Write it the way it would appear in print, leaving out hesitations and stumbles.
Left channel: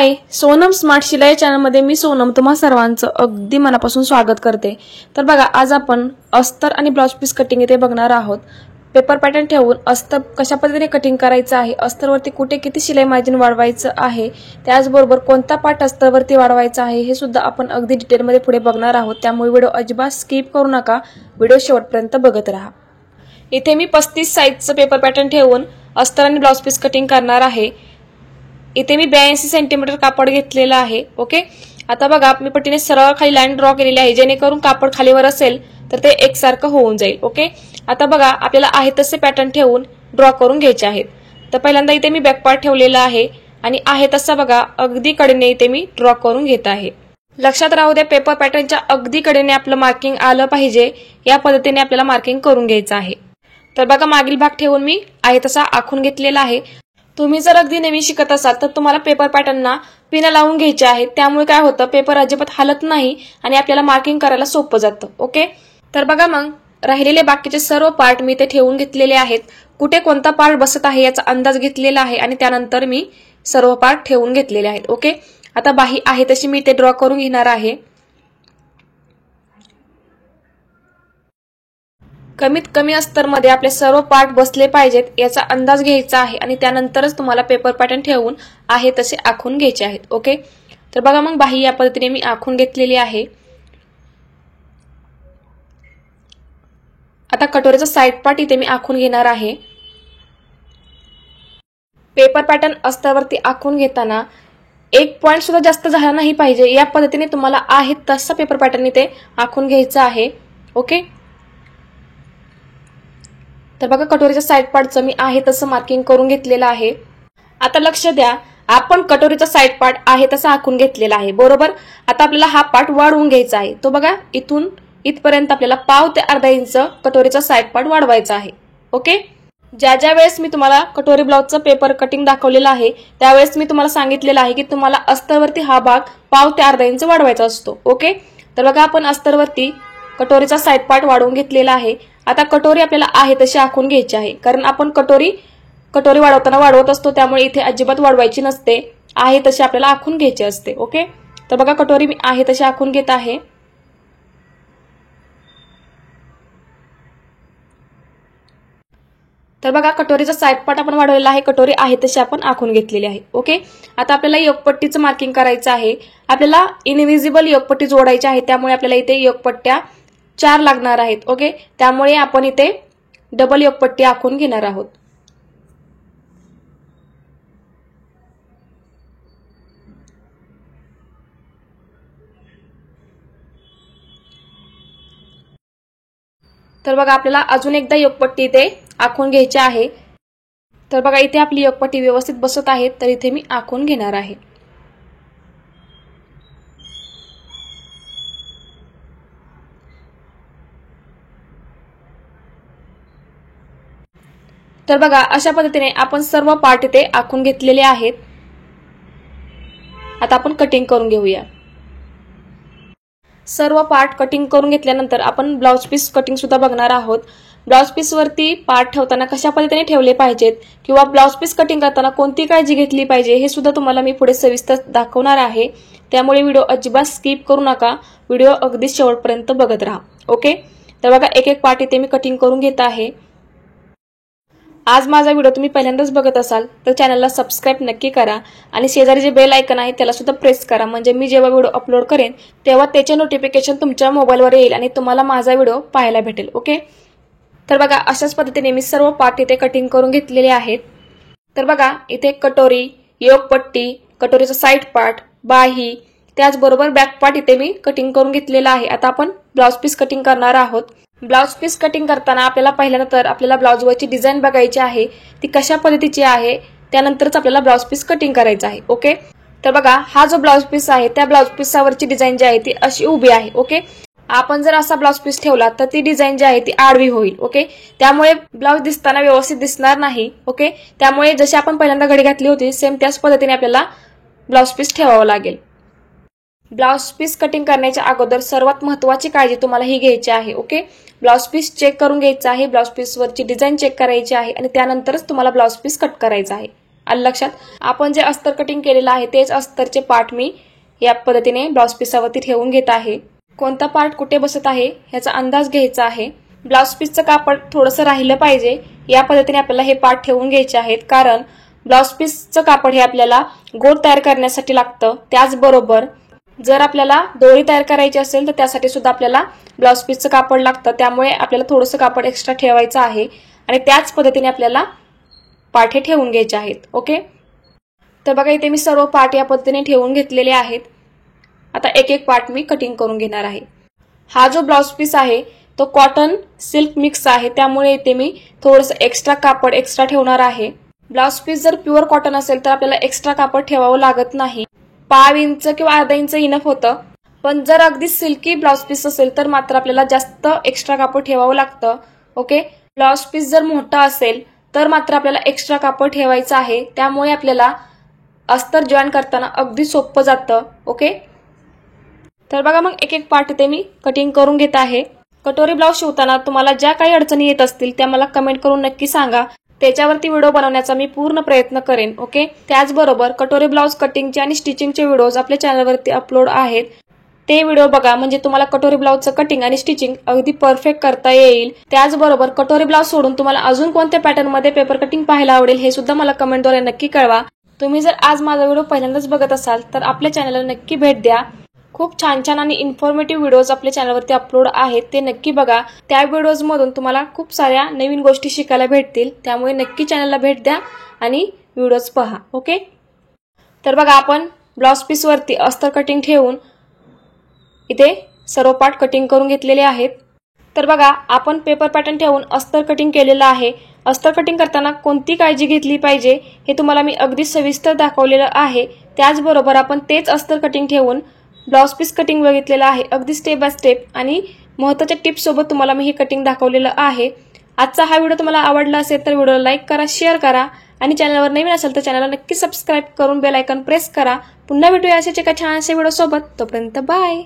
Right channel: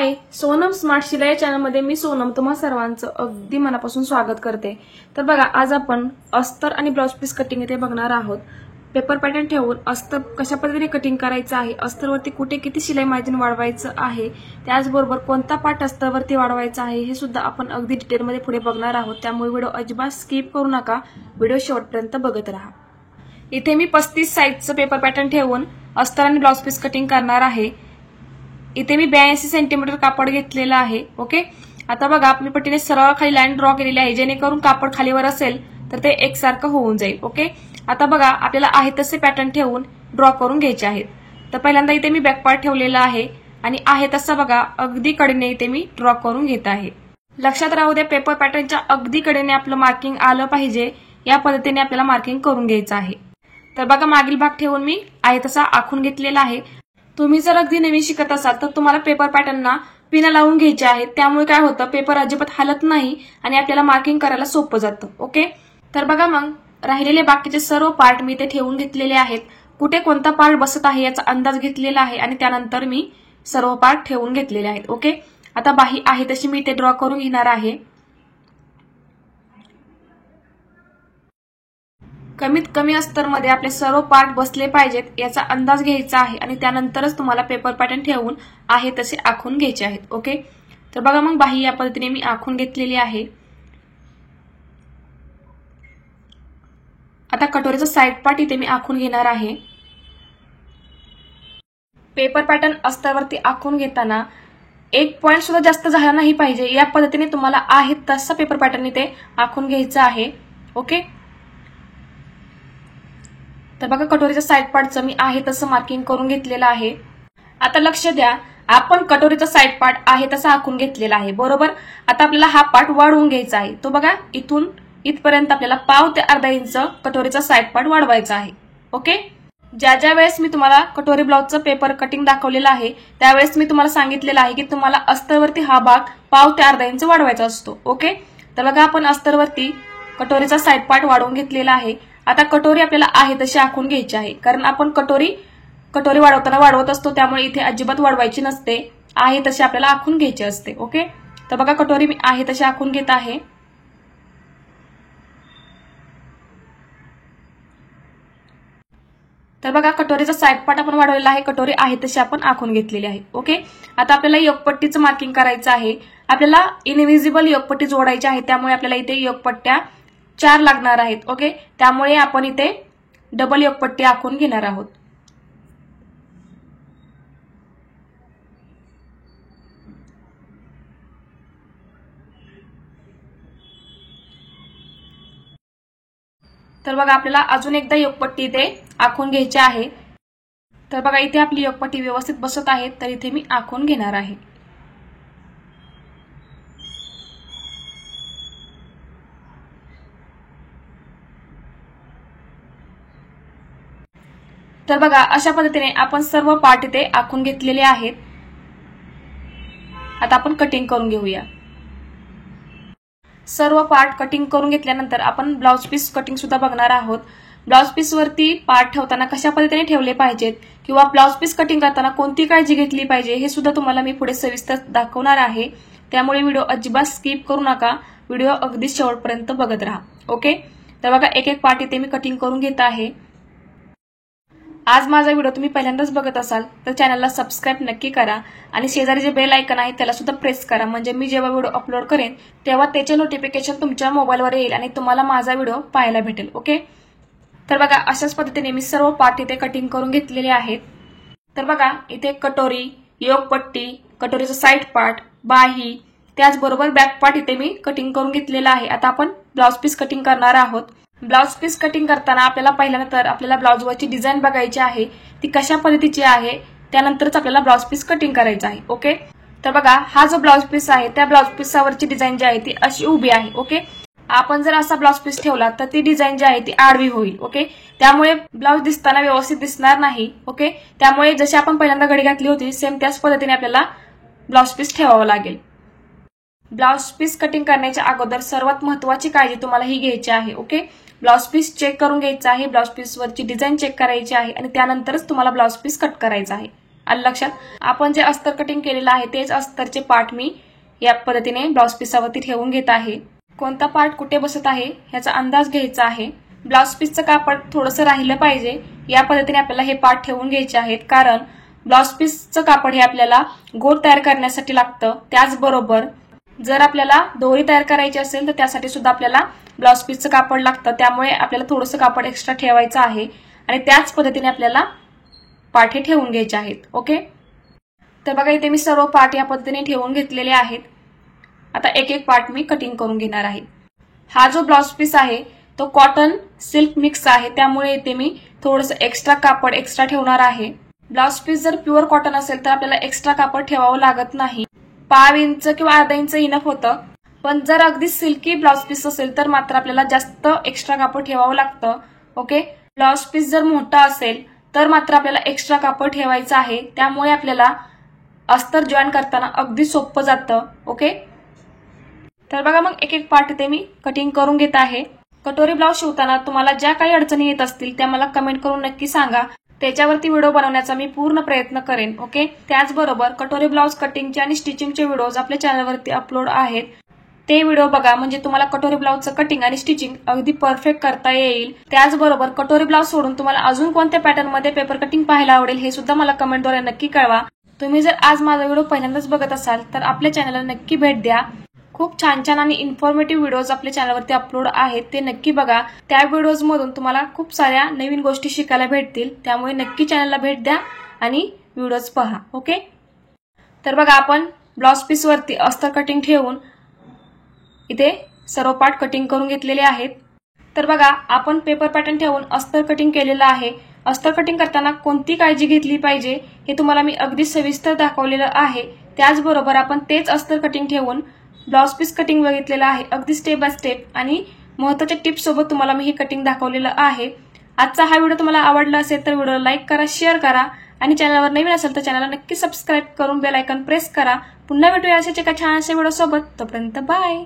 हाय, Sonam smart शिलाई चॅनलमध्ये मी सोनम तुम्हा सर्वांचं अगदी मनापासून स्वागत करते। तर बघा, आज आपण अस्तर आणि ब्लाउज पीस कटिंग इथे बघणार आहोत। पेपर पॅटर्न ठेवून अस्तर कशा पद्धतीने कटिंग करायचं आहे, अस्तरवरती कुठे किती शिलाई मार्जिन वाढवायचं आहे, त्याचबरोबर कोणता पार्ट अस्तरवरती वाढवायचा आहे हे सुद्धा आपण अगदी डिटेलमध्ये पुढे बघणार आहोत। त्यामुळे व्हिडिओ अजिबात स्किप करू नका, व्हिडिओ शेवटपर्यंत बघत राहा। इथे मी 35 साइजचं पेपर पॅटर्न ठेवून अस्तर आणि ब्लाउज पीस कटिंग करणार आहे। इथे मी 82 सेंटीमीटर कापड घेतलेला आहे। ओके, आता बघा, मी पट्टीने सरळ खाली लाईन ड्रॉ केलेली आहे, जेणेकरून कापड खालीवर असेल तर ते एकसारखं होऊन जाईल। ओके, आता बघा, आपल्याला आहे तसे पॅटर्न ठेवून ड्रॉ करून घ्यायचे आहेत। तर पहिल्यांदा इथे मी बॅक पार्ट ठेवलेला आहे आणि आहे तसा बघा अगदी कडेने इथे मी ड्रॉ करून घेत आहे। लक्षात राहू द्या, पेपर पॅटर्नच्या अगदी कडेने आपलं मार्किंग आलं पाहिजे, या पद्धतीने आपल्याला मार्किंग करून घ्यायचं आहे। तर बघा, मागील भाग ठेवून मी आहे तसा आखून घेतलेला आहे। तुम्ही जर अगदी नवीन शिकत असाल तर तुम्हाला पेपर पॅटर्नना पिना लावून घ्यायचे आहेत, त्यामुळे काय होतं, पेपर अजिबात हलत नाही आणि आपल्याला मार्किंग करायला सोपं जातं। ओके, तर बघा, मग राहिलेले बाकीचे सर्व पार्ट मी इथे ठेवून घेतलेले आहेत। कुठे कोणता पार्ट बसत आहे याचा अंदाज घेतलेला आहे आणि त्यानंतर मी सर्व पार्ट ठेवून घेतलेले आहेत। ओके, आता बाही आहे तशी मी इथे ड्रॉ करून घेणार आहे। कमीत कमी अस्तरमध्ये आपले सर्व पार्ट बसले पाहिजेत याचा अंदाज घ्यायचा आहे आणि त्यानंतरच तुम्हाला पेपर पॅटर्न ठेवून आहे तसे आखून घ्यायचे आहेत। ओके, तर बघा, मग बाही या पद्धतीने मी आखून घेतलेली आहे। आता कटोरीचा साइड पार्ट इथे मी आखून घेणार आहे। पेपर पॅटर्न अस्तरवरती आखून घेताना एक पॉइंट सुद्धा जास्त झाला नाही पाहिजे, या पद्धतीने तुम्हाला आहे तसा पेपर पॅटर्न इथे आखून घ्यायचा आहे। ओके, तर बघा, कटोरीच्या साइड पार्टचं मी आहे तसं मार्किंग करून घेतलेलं आहे। आता लक्ष द्या, आपण कटोरीचा साइड पार्ट आहे तसा आखून घेतलेला आहे, बरोबर। आता आपल्याला हा पार्ट वाढवून घ्यायचा आहे। तो बघा, इथून इथपर्यंत आपल्याला पाव ते अर्धा इंच कटोरीचा साइड पार्ट वाढवायचा आहे। ओके, ज्या वेळेस मी तुम्हाला कटोरी ब्लाउजचं पेपर कटिंग दाखवलेलं आहे त्यावेळेस मी तुम्हाला सांगितलेलं आहे की तुम्हाला अस्तरवरती हा भाग पाव ते अर्धा इंच वाढवायचा असतो। ओके, तर बघा, आपण अस्तरवरती कटोरीचा साइड पार्ट वाढवून घेतलेला आहे। आता कटोरी आपल्याला आहे तशी आखून घ्यायची आहे, कारण आपण कटोरी वाढवताना वाढवत असतो, त्यामुळे इथे अजिबात वाढवायची नसते, आहे तशी आपल्याला आखून घ्यायची असते। ओके, तर बघा, कटोरी मी आहे तशी आखून घेत आहे। तर बघा, कटोरीचा साइड पार्ट आपण वाढवलेला आहे, कटोरी आहे तशी आपण आखून घेतलेली आहे। ओके, आता आपल्याला योगपट्टीचं मार्किंग करायचं आहे। आपल्याला इनविजिबल योगपट्टी जोडायची आहे, त्यामुळे आपल्याला इथे योगपट्ट्या 4 लागणार आहेत। ओके, त्यामुळे आपण इथे डबल योगपट्टी आखून घेणार आहोत। तर बघा, आपल्याला अजून एकदा योगपट्टी इथे आखून घ्यायची आहे। तर बघा, इथे आपली योगपट्टी व्यवस्थित बसत आहे, तर इथे मी आखून घेणार आहे। तर बघा, अशा पद्धतीने आपण सर्व पार्ट इथे आखून घेतलेले आहेत। आता आपण कटिंग करून घेऊया। सर्व पार्ट कटिंग करून घेतल्यानंतर आपण ब्लाउज पीस कटिंग सुद्धा बघणार आहोत। ब्लाउज पीस वरती पार्ट ठेवताना कशा पद्धतीने ठेवले पाहिजेत किंवा ब्लाउज पीस कटिंग करताना कोणती काळजी घेतली पाहिजे हे सुद्धा तुम्हाला मी पुढे सविस्तर दाखवणार आहे, त्यामुळे व्हिडिओ अजिबात स्किप करू नका, व्हिडिओ अगदी शेवटपर्यंत बघत राहा। ओके, तर बघा, एक एक पार्ट इथे मी कटिंग करून घेत आहे। आज माझा व्हिडिओ तुम्ही पहिल्यांदाच बघत असाल तर चॅनलला सबस्क्राइब नक्की करा आणि शेजारी जे बेल आयकॉन आहे त्याला सुद्धा प्रेस करा, म्हणजे मी जेव्हा व्हिडिओ अपलोड करेन तेव्हा त्याचे नोटिफिकेशन तुमच्या मोबाईलवर येईल आणि तुम्हाला माझा व्हिडिओ पाहायला भेटेल। ओके, तर बघा, अशाच पद्धतीने मी सर्व पार्ट इथे कटिंग करून घेतलेले आहेत। तर बघा, इथे कटोरी, योगपट्टी, कटोरीचा साइड पार्ट, बाही, त्याचबरोबर बॅक पार्ट इथे मी कटिंग करून घेतलेला आहे। आता आपण ब्लाउज पीस कटिंग करणार आहोत। ब्लाउज पीस कटिंग करताना आपल्याला पहिल्यांदा तर आपल्याला ब्लाउजवरची डिझाईन बघायची आहे, ती कशा पद्धतीची आहे, त्यानंतरच आपल्याला ब्लाउज पीस कटिंग करायचं आहे। ओके, तर बघा, हा जो ब्लाउज पीस आहे त्या ब्लाउज पीसवरची डिझाईन जी आहे ती अशी उभी आहे। ओके, आपण जर असा ब्लाउज पीस ठेवला तर ती डिझाईन जी आहे ती आडवी होईल। ओके, त्यामुळे ब्लाउज दिसताना व्यवस्थित दिसणार नाही। ओके, त्यामुळे जशी आपण पहिल्यांदा घडी घातली होती सेम त्याच पद्धतीने आपल्याला ब्लाउज पीस ठेवावं लागेल। ब्लाउज पीस कटिंग करण्याच्या अगोदर सर्वात महत्त्वाची काळजी तुम्हाला ही घ्यायची आहे। ओके, ब्लाउज पीस चेक करून घ्यायचा आहे, ब्लाउज पीस वरची डिझाईन चेक करायची आहे आणि त्यानंतरच तुम्हाला ब्लाउज पीस कट करायचा आहे। आलं लक्षात? आपण जे अस्तर कटिंग केलेलं आहे तेच अस्तरचे पार्ट मी या पद्धतीने ब्लाउज पिसावरती ठेवून घेत आहे. कोणता पार्ट कुठे बसत आहे याचा अंदाज घ्यायचा आहे. ब्लाउज पीसचं कापड थोडंसं राहिलं पाहिजे या पद्धतीने आपल्याला हे पार्ट ठेवून घ्यायचे आहेत, कारण ब्लाउज पीसचं कापड हे आपल्याला गोल तयार करण्यासाठी लागतं. त्याचबरोबर जर आपल्याला दोरी तयार करायची असेल तर त्यासाठी सुद्धा आपल्याला ब्लाउज पीसचं कापड लागतं. त्यामुळे आपल्याला थोडंसं कापड एक्स्ट्रा ठेवायचं आहे आणि त्याच पद्धतीने आपल्याला पार्ट हे ठेवून घ्यायचे आहेत. ओके, तर बघा इथे मी सर्व पार्ट या पद्धतीने ठेवून घेतलेले आहेत. आता एक एक पार्ट मी कटिंग करून घेणार आहे. हा जो ब्लाउज पीस आहे तो कॉटन सिल्क मिक्स आहे, त्यामुळे इथे मी थोडंसं एक्स्ट्रा कापड एक्स्ट्रा ठेवणार आहे. ब्लाउज पीस जर प्युअर कॉटन असेल तर आपल्याला एक्स्ट्रा कापड ठेवावं लागत नाही. 5 इंच किंवा अर्धा इंच इनफ होतं. पण जर अगदी सिल्की ब्लाउज पीस असेल तर मात्र आपल्याला जास्त एक्स्ट्रा कापड ठेवावं लागतं. ओके, ब्लाउज पीस जर मोठा असेल तर मात्र आपल्याला एक्स्ट्रा कापड ठेवायचं आहे. त्यामुळे आपल्याला अस्तर जॉईन करताना अगदी सोपं जातं. ओके, तर बघा मग एक एक पार्ट ते मी कटिंग करून घेत आहे. कटोरी ब्लाउज शिवताना तुम्हाला ज्या काही अडचणी येत असतील त्या मला कमेंट करून नक्की सांगा. त्याच्यावरती व्हिडिओ बनवण्याचा मी पूर्ण प्रयत्न करेन. ओके, त्याचबरोबर कटोरी ब्लाउज कटिंगचे आणि स्टिचिंगचे व्हिडिओज आपल्या चॅनलवरती अपलोड आहेत. ते व्हिडिओ बघा, म्हणजे तुम्हाला कटोरी ब्लाउजचं कटिंग आणि स्टिचिंग अगदी परफेक्ट करता येईल. त्याचबरोबर कटोरी ब्लाउज सोडून तुम्हाला अजून कोणत्या पॅटर्नमध्ये पेपर कटिंग पाहायला आवडेल हे सुद्धा मला कमेंटद्वारे नक्की कळवा. तुम्ही जर आज माझा व्हिडिओ पहिल्यांदाच बघत असाल तर आपल्या चॅनलला नक्की भेट द्या. खूप छान छान आणि इन्फॉर्मेटिव्ह व्हिडिओज आपल्या चॅनलवरती अपलोड आहेत, ते नक्की बघा. त्या व्हिडिओज मधून तुम्हाला खूप साऱ्या नवीन गोष्टी शिकायला भेटतील. त्यामुळे नक्की चॅनलला भेट द्या आणि व्हिडिओज पहा. ओके, तर बघा आपण ब्लाउज पीस वरती अस्तर कटिंग ठेवून इथे सर्व पार्ट कटिंग करून घेतलेले आहेत. तर बघा आपण पेपर पॅटर्न ठेवून अस्तर कटिंग केलेलं आहे. अस्तर कटिंग करताना कोणती काळजी घेतली पाहिजे हे तुम्हाला मी अगदी सविस्तर दाखवलेलं आहे. त्याचबरोबर आपण तेच अस्तर कटिंग ठेवून ब्लाउज पीस कटिंग बघितलेलं आहे, अगदी स्टेप बाय स्टेप, आणि महत्त्वाच्या टिप्स सोबत तुम्हाला मी हे कटिंग दाखवलेलं आहे. आजचा हा व्हिडिओ तुम्हाला आवडला असेल तर व्हिडिओला लाईक करा, शेअर करा आणि चॅनलवर नवीन असेल तर चॅनलला नक्की सबस्क्राईब करून बेल आयकॉन प्रेस करा. पुन्हा भेटूया अशाच एका छानशा व्हिडिओ सोबत. तोपर्यंत बाय.